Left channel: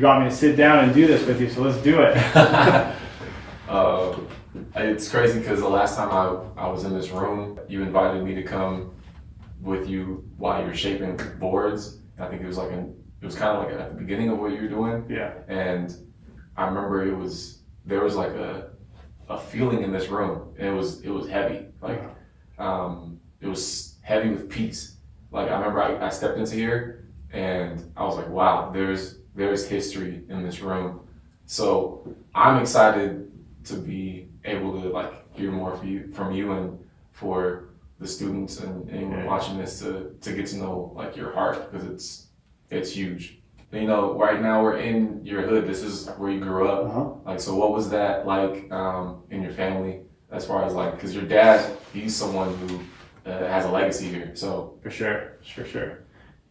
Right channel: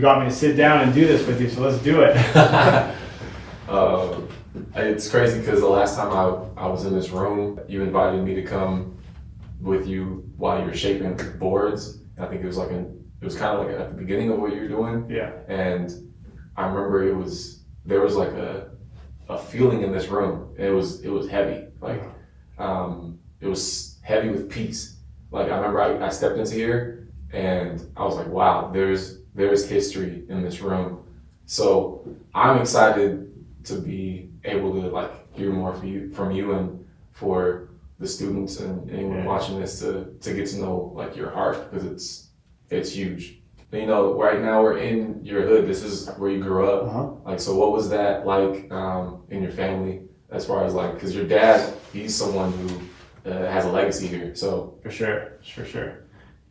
you got me to sit down and do this with you, so let's do it. It's crazy because the last time I was in this room, you invited me to come with you while you were shaping boards. I think it was kind of like at the beginning of what you were doing. Yeah. And I remember there was like a feeling in this room. It was heavy. Like it was heavy with peace. Like I remember I stepped into here and I was like, wow, there's history in this room. So I'm excited to be able to like hear more from you and for the students and anyone watching this to get to know like your heart, because it's huge. And, right now we're in your hood. This is where you grew up. Like, so what was that like in your family as far as like, because your dad, he's someone who has a legacy here. So For sure.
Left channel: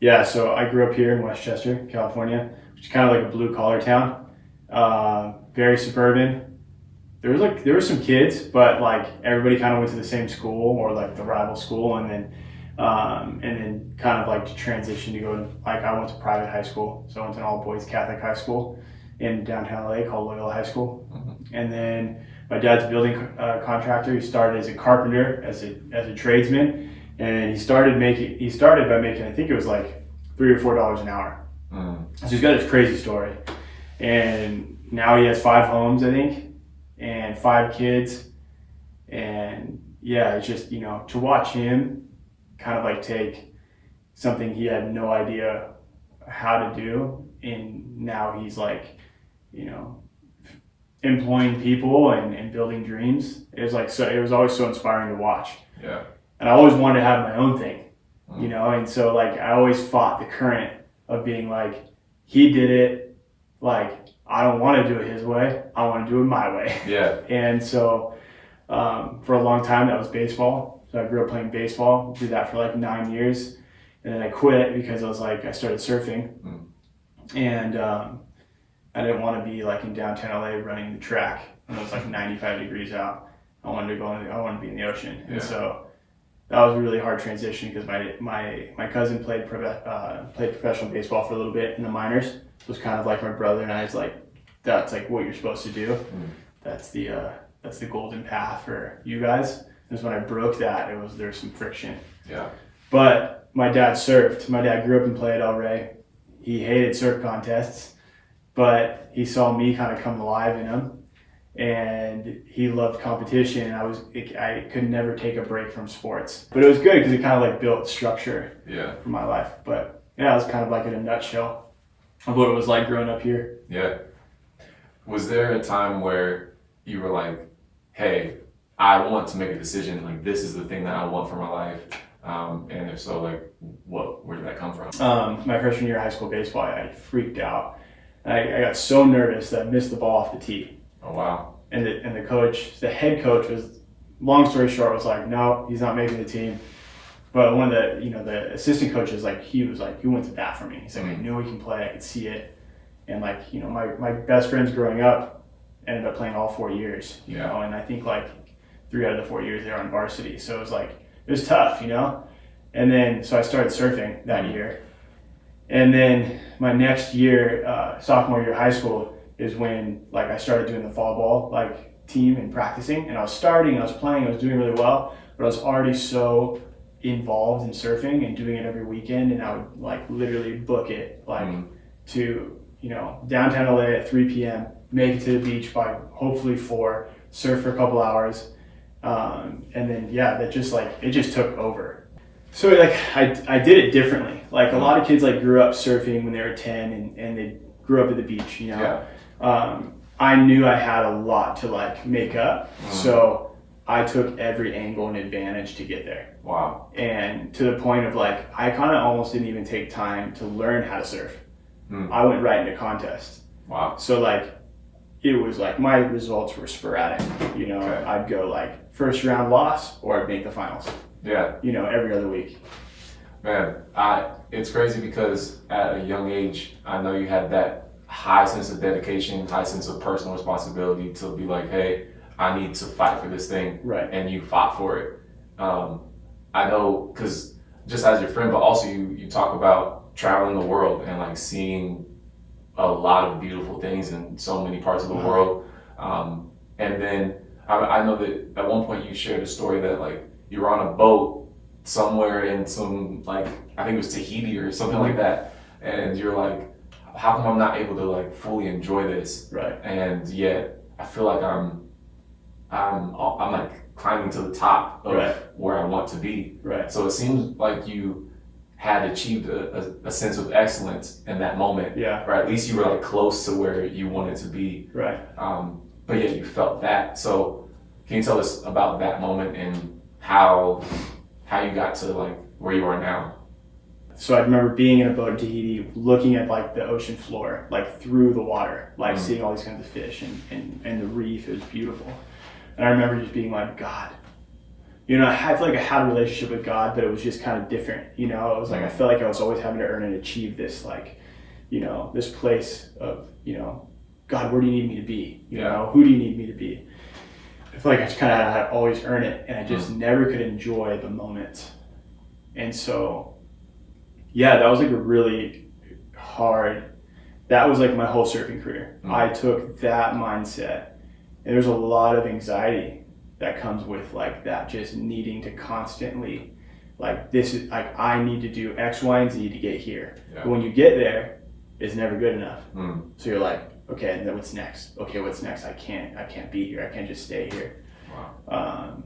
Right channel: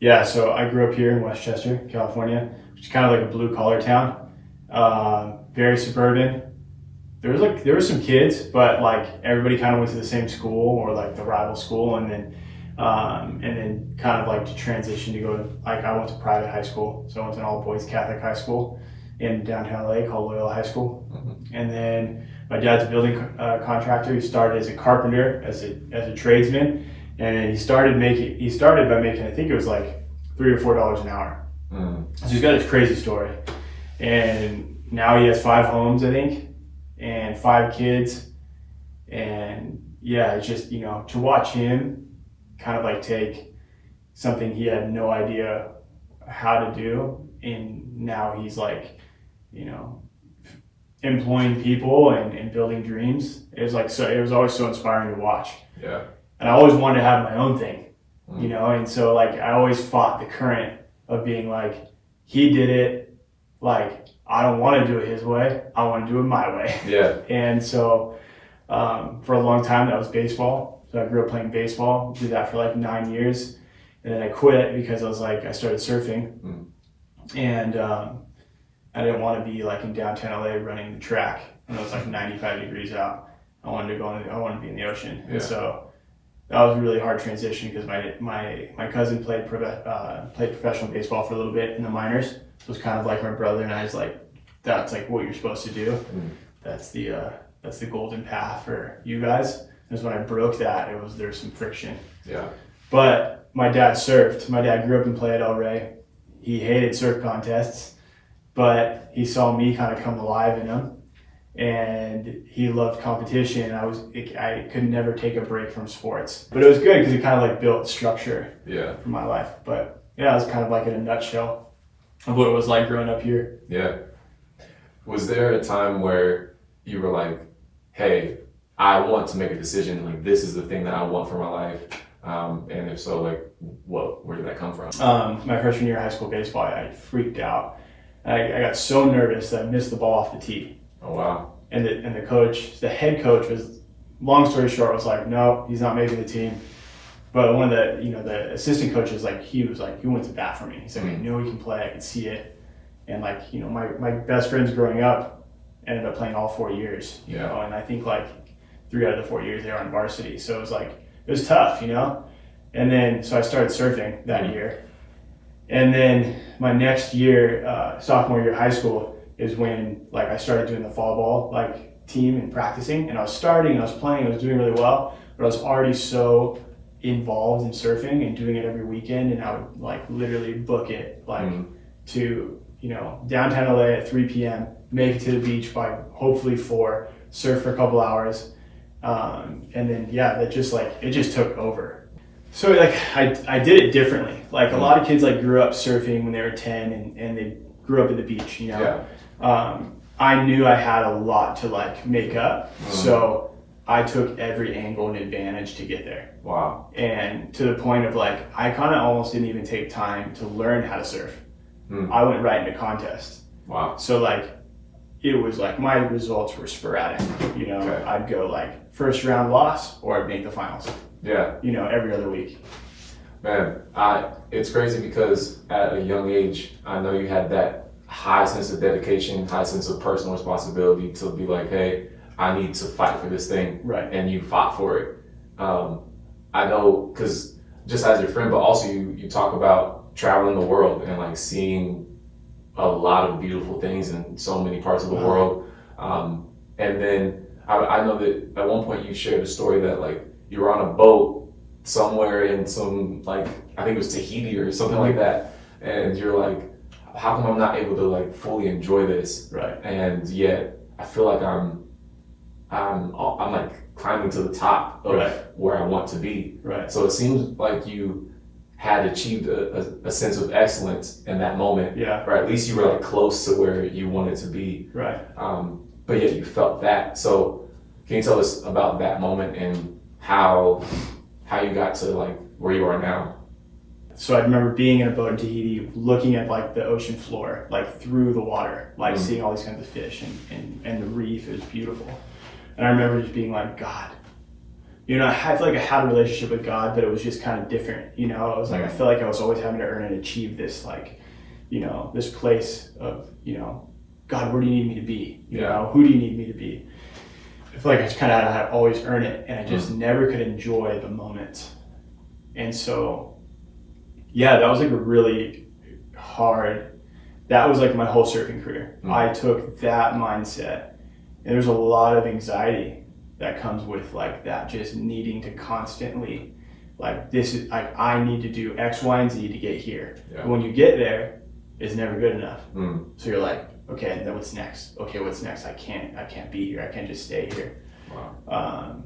Yeah, so I grew up here in Westchester, California, which is kind of like a blue collar town. Very suburban. There were some kids, but like everybody kind of went to the same school or like the rival school, and then kind of like to transition to go to, like, I went to private high school, so I went to an all boys Catholic high school in downtown LA called Loyola High School. And then my dad's a building contractor. He started as a carpenter, as a tradesman, and he started by making, I think it was like $3 or $4 an hour. So he's got this crazy story, and now he has 5 homes, I think, and 5 kids. And yeah, it's just, to watch him kind of like take something he had no idea how to do, and now he's like, employing people and building dreams. It was always so inspiring to watch. Yeah. And I always wanted to have my own thing, and so like I always fought the current of being like, he did it, like I don't want to do it his way, I want to do it my way. Yeah. And so for a long time that was baseball. So I grew up playing baseball, did that for like 9 years, and then I quit because I started surfing, and I didn't want to be like in downtown LA running the track when it was like 95 degrees out. I wanted to be in the ocean. And so that was a really hard transition because my cousin played professional baseball for a little bit in the minors. So it was kind of like my brother and I was like, that's like what you're supposed to do. That's the golden path for you guys. Because when I broke that, there's some friction. Yeah. But my dad surfed. My dad grew up in Playa del Rey. He hated surf contests, but he saw me kind of come alive in them, and he loved competition. I could never take a break from sports, but it was good because it kind of like built structure for my life. But yeah, it was kind of like in a nutshell of what it was like growing up here. Yeah. Was there a time where you were like, hey, I want to make a decision, like this is the thing that I want for my life, and if so, like where did that come from? My freshman year of high school baseball, I freaked out. I got so nervous that I missed the ball off the tee. Oh wow! And the head coach was, long story short, was like, no, he's not making the team. But one of the assistant coaches, he went to bat for me. He said, we knew he can play, I could see it, and my best friends growing up ended up playing all 4 years, you know, and I think 3 out of the 4 years they were on varsity. So it was tough, And then, so I started surfing that year. And then my next year, sophomore year of high school, is when I started doing the fall ball team and practicing. And I was starting, and I was playing, I was doing really well, but I was already so involved in surfing and doing it every weekend. And I would literally book it to, downtown LA at 3 p.m., make it to the beach by hopefully 4, surf for a couple hours. And then, that just it just took over. So I did it differently. A lot of kids grew up surfing when they were 10 and they grew up at the beach, I knew I had a lot to make up. So I took every angle and advantage to get there. Wow. And to the point of I kind of almost didn't even take time to learn how to surf. I went right into contests. Wow. So it was my results were sporadic. Okay. I'd go first round loss, or I'd make the finals. Yeah. Every other week. Man, it's crazy because at a young age, I know you had that high sense of dedication, high sense of personal responsibility to be hey, I need to fight for this thing. Right. And you fought for it. I know, because just as your friend, but also you talk about traveling the world and seeing a lot of beautiful things in so many parts of the world. And then I know that at one point you shared a story that like you were on a boat somewhere in some, like, I think it was Tahiti or something like that. And you're like, how come I'm not able to like fully enjoy this? Right. And yet I feel like I'm like climbing to the top of where I want to be. Right. So it seems like you had achieved a sense of excellence in that moment. Yeah. Or at least you were like close to where you wanted to be. Right. But yet you felt that. So can you tell us about that moment and how you got to like where you are now? So I remember being in a boat in Tahiti, looking at like the ocean floor, like through the water, like seeing all these kinds of fish and the reef. It was beautiful. And I remember just being like, God, you know, I feel like I had a relationship with God, but it was just kind of different. You know, it was like, I felt like I was always having to earn and achieve this, like, you know, this place of, you know, God, where do you need me to be? You know, who do you need me to be? I feel like I just kind of had to always earn it, and I just never could enjoy the moment. And so, yeah, that was like a really hard, that was like my whole surfing career. I took that mindset, and there's a lot of anxiety that comes with like that, just needing to constantly, like, this is like, I need to do X, Y, and Z to get here. But when you get there, it's never good enough. So you're like, okay, then what's next? Okay, what's next? I can't be here. I can't just stay here. Wow.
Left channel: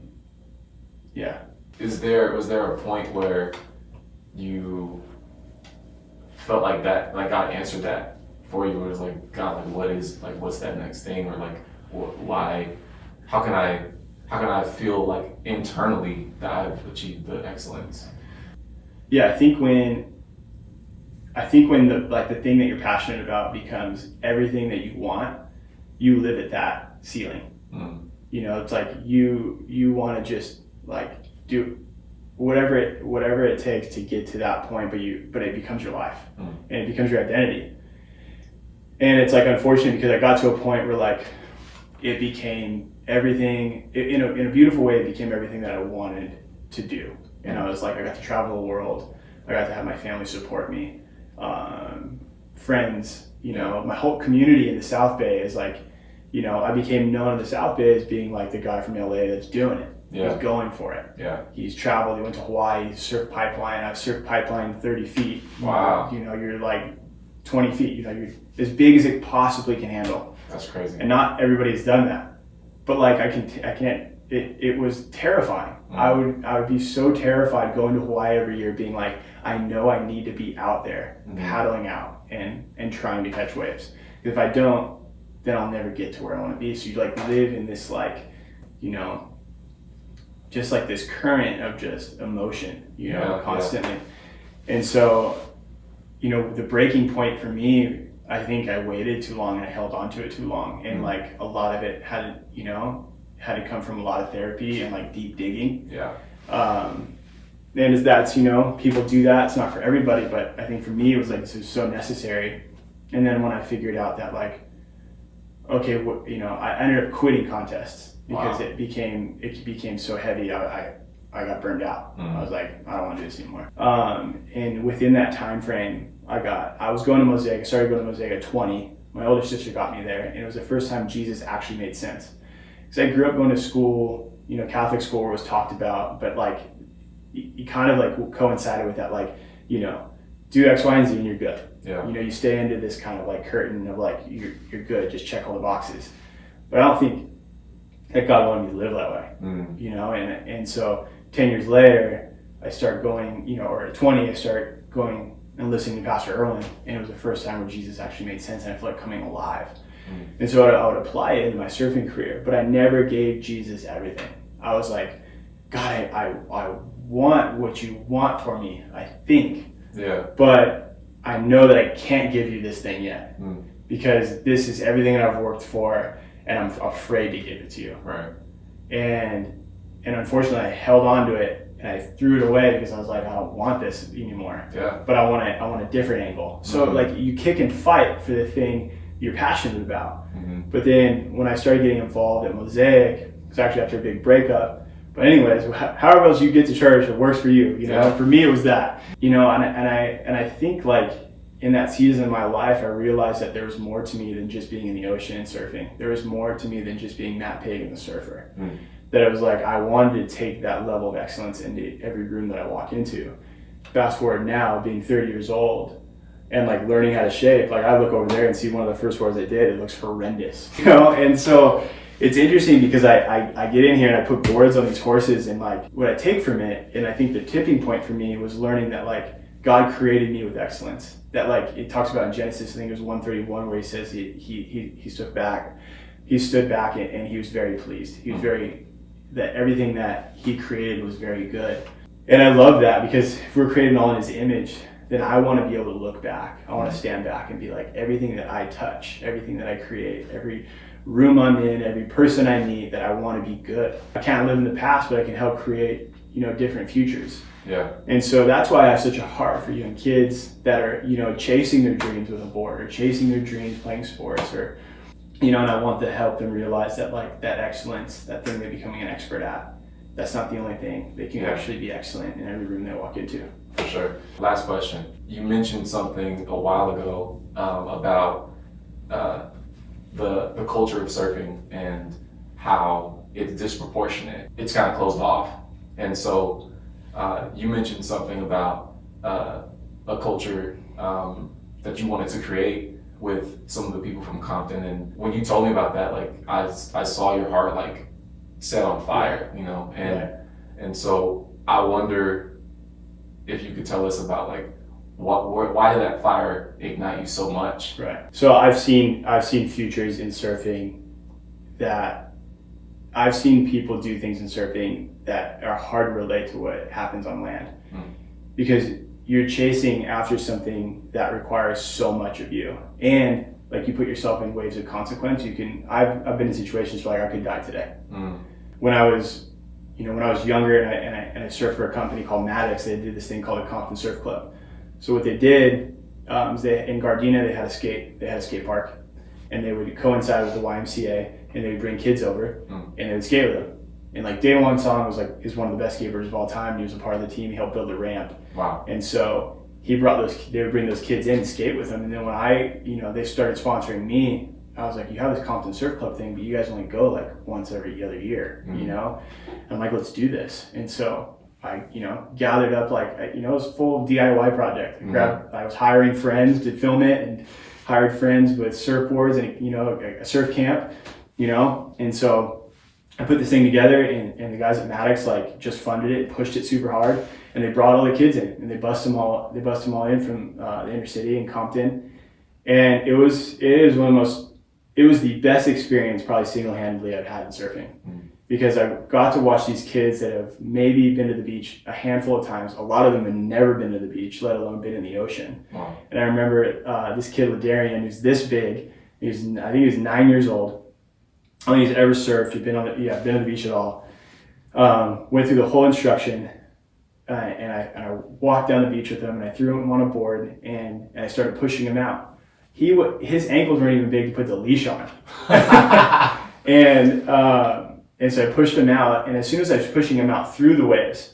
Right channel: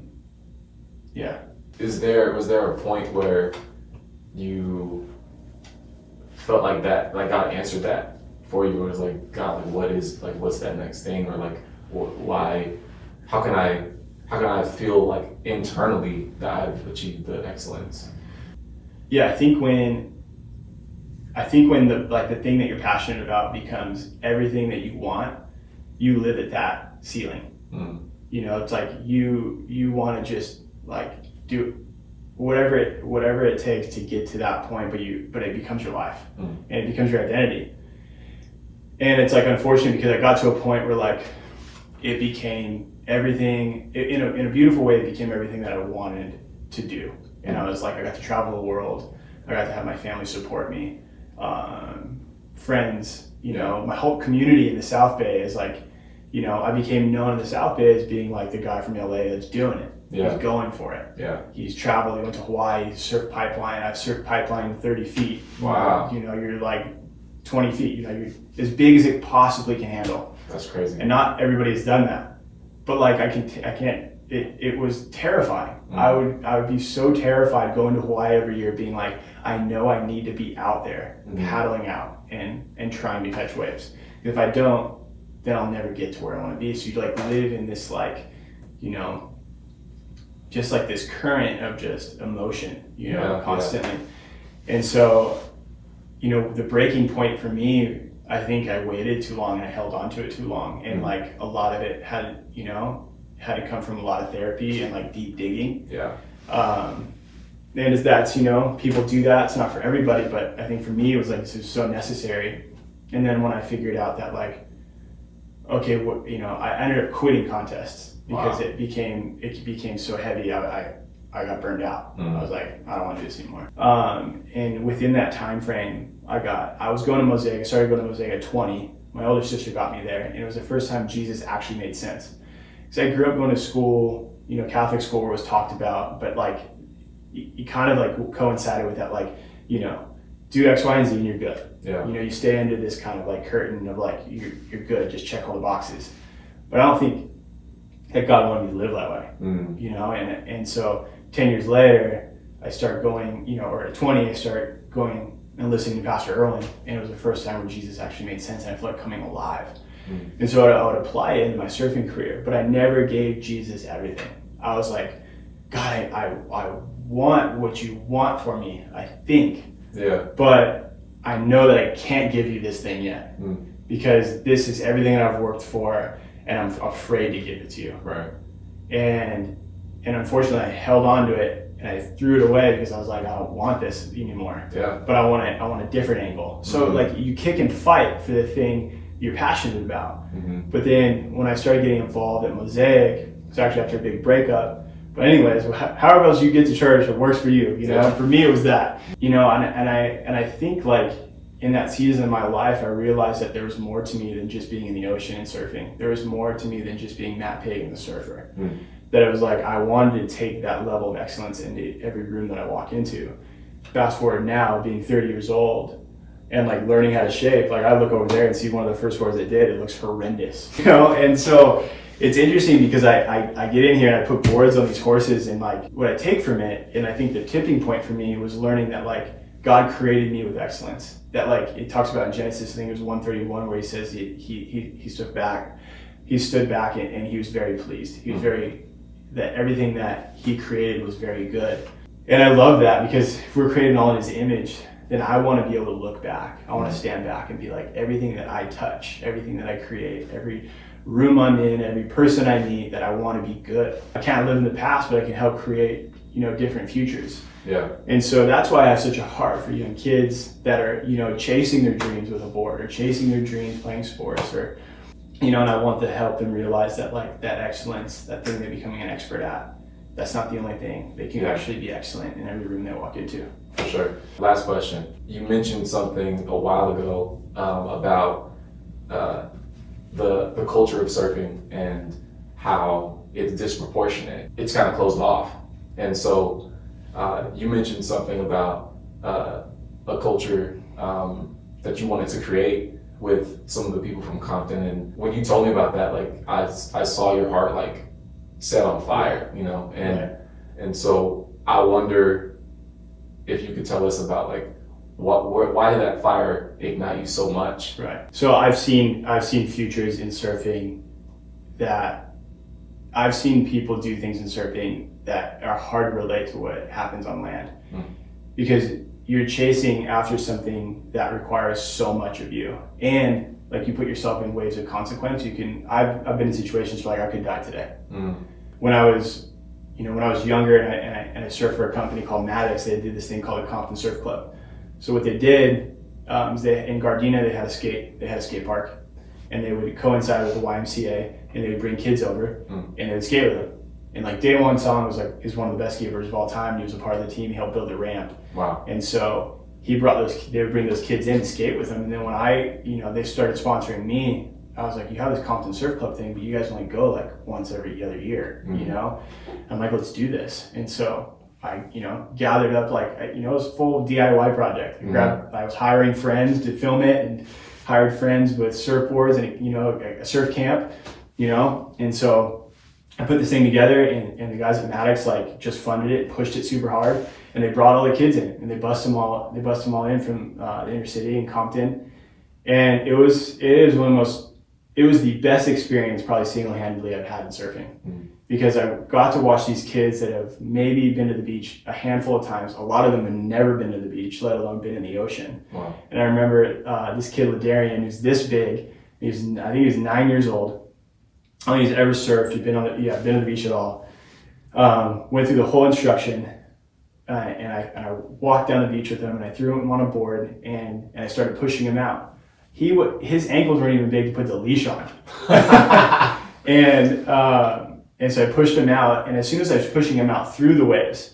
Yeah. Was there a point where you felt like that, like God answered that for you? It was like, God, like what's that next thing? Or like, why, how can I feel like internally that I've achieved the excellence? Yeah, I think when the thing that you're passionate about becomes everything that you want, you live at that ceiling. You know, it's like you want to just like do whatever it takes to get to that point, but it becomes your life and it becomes your identity. And it's like unfortunate because I got to a point where like it became everything in a beautiful way. It became everything that I wanted to do. And I was like, I got to travel the world. I got to have my family support me. Friends, you know, my whole community in the South Bay is like, you know, I became known in the South Bay as being like the guy from LA that's doing it. He's going for it. He's traveled. He went to Hawaii, surfed pipeline. I've surfed pipeline 30 feet. Wow. You know, you're like 20 feet. You know, you're as big as it possibly can handle. That's crazy. And not everybody's done that. But like I can't. It was terrifying. I would be so terrified going to Hawaii every year, being like, I know I need to be out there paddling out and trying to catch waves. If I don't, then I'll never get to where I want to be. So you like live in this like, you know, just like this current of just emotion, you know, constantly. And so, you know, the breaking point for me, I think I waited too long and I held on to it too long. And like a lot of it had to come from a lot of therapy and like deep digging. And as that's, you know, people do that. It's not for everybody, but I think for me, it was like, this was so necessary. And then when I figured out that like, okay, you know, I ended up quitting contests because it became so heavy. I got burned out. I was like, I don't want to do this anymore. And within that time frame, I was going to Mosaic. I started going to Mosaic at 20. My older sister got me there, and it was the first time Jesus actually made sense. Because I grew up going to school, you know, Catholic school where it was talked about, but like, you kind of like coincided with that, like, you know, do X, Y, and Z and you're good. You know, you stay under this kind of like curtain of like, you're good, just check all the boxes. But I don't think that God wanted me to live that way, you know? And so 10 years later, I start going, you know, or at 20, I start going and listening to Pastor Erwin, and it was the first time where Jesus actually made sense, and I feel like coming alive. And so I would apply it in my surfing career, but I never gave Jesus everything. I was like, God, I want what you want for me, I think. But I know that I can't give you this thing yet because this is everything that I've worked for, and I'm afraid to give it to you. And unfortunately, I held on to it and I threw it away because I was like, I don't want this anymore. But I want a different angle. So like you kick and fight for the thing you're passionate about. But then when I started getting involved at Mosaic, it's actually after a big breakup. But anyways, however else you get to church, it works for you. You know, for me it was that. You know, and I think like in that season of my life, I realized that there was more to me than just being in the ocean and surfing. There was more to me than just being Matt Pagan, the surfer. That it was like, I wanted to take that level of excellence into every room that I walk into. Fast forward now, being 30 years old and like learning how to shape, like I look over there and see one of the first boards I did, it looks horrendous, you know? And so it's interesting because I get in here and I put boards on these horses, and like what I take from it, and I think the tipping point for me was learning that like God created me with excellence. That like it talks about in Genesis, I think it was 131, where he says he stood back and he was very pleased. He was that everything that he created was very good. And I love that, because if we're created all in his image, then I want to be able to look back. I want to stand back and be like, everything that I touch, everything that I create, every room I'm in, every person I meet, that I want to be good. I can't live in the past, but I can help create, different futures. Yeah. And so that's why I have such a heart for young kids that are, chasing their dreams with a board, or chasing their dreams playing sports, or, and I want to help them realize that like that excellence, that thing they're becoming an expert at, that's not the only thing. They can actually be excellent in every room they walk into. For sure. Last question. You mentioned something a while ago about the culture of surfing and how it's disproportionate. It's kind of closed off. And so you mentioned something about a culture that you wanted to create with some of the people from Compton. And when you told me about that, like I saw your heart like set on fire, and so I wonder if you could tell us about like why did that fire ignite you so much? Right. So I've seen futures in surfing that I've seen people do things in surfing that are hard to relate to what happens on land, because you're chasing after something that requires so much of you, and like you put yourself in waves of consequence. I've been in situations where like I could die today. When I was younger and I surfed for a company called Maddox, they did this thing called a Compton Surf Club. So what they did is in Gardena they had a skate park, and they would coincide with the YMCA, and they would bring kids over and they would skate with them. And like Day One Song is one of the best skaters of all time. He was a part of the team. He helped build the ramp. Wow. And so they would bring those kids in and skate with them. And then when they started sponsoring me, I was like, you have this Compton Surf Club thing, but you guys only go like once every other year, I'm like, let's do this. And so I, gathered up it was a full DIY project. I was hiring friends to film it, and hired friends with surfboards and, a surf camp, and so I put this thing together, and the guys at Maddox like just funded it, pushed it super hard, and they brought all the kids in, and they bust them all in from the inner city in Compton, and it was the best experience probably single-handedly I've had in surfing, because I got to watch these kids that have maybe been to the beach a handful of times. A lot of them have never been to the beach, let alone been in the ocean. Wow. And I remember this kid Ladarian, who's this big. I think he was 9 years old. I don't think he's ever surfed. He'd been on the beach at all. Went through the whole instruction, and I walked down the beach with him, and I threw him on a board, and I started pushing him out. His ankles weren't even big to put the leash on him. And so I pushed him out, and as soon as I was pushing him out through the waves,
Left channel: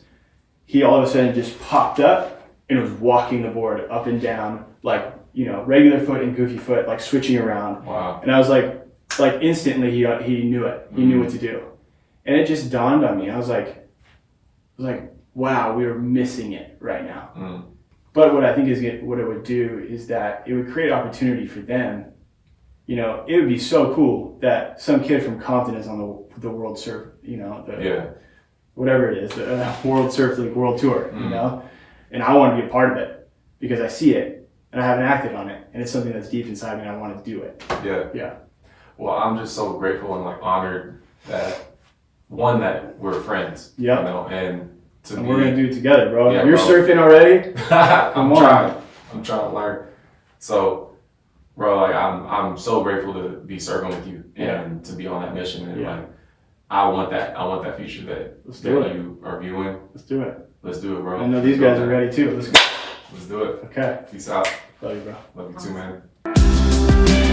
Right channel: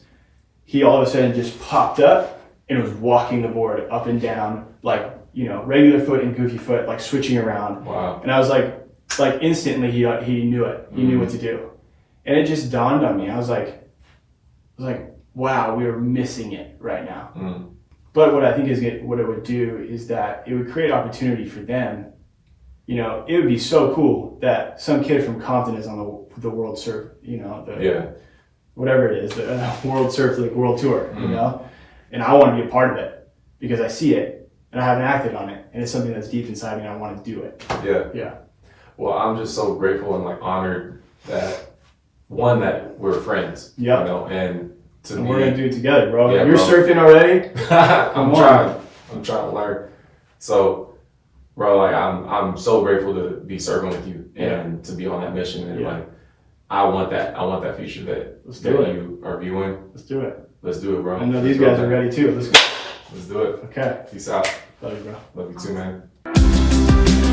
he all of a sudden just popped up and was walking the board up and down, like, regular foot and goofy foot, like switching around. Wow. And I was like instantly he knew it. He knew what to do. And it just dawned on me. I was like, wow, we are missing it right now. But what I think what it would do is that it would create opportunity for them. It would be so cool that some kid from Compton is on the World Surf, whatever it is, the World Surf League World Tour, and I want to be a part of it because I see it and I haven't acted on it, and it's something that's deep inside me and I want to do it. Yeah. Well, I'm just so grateful and honored that we're friends. Yep. And we're gonna do it together, bro. Yeah, You're surfing already. I'm trying to learn. So, bro, I'm so grateful to be serving with you and to be on that mission. And I want that future that you are viewing. Let's do it. Let's do it, bro. I know these guys are ready too. Let's go. Let's do it. Okay. Peace out. Love you, bro. Love you too, man.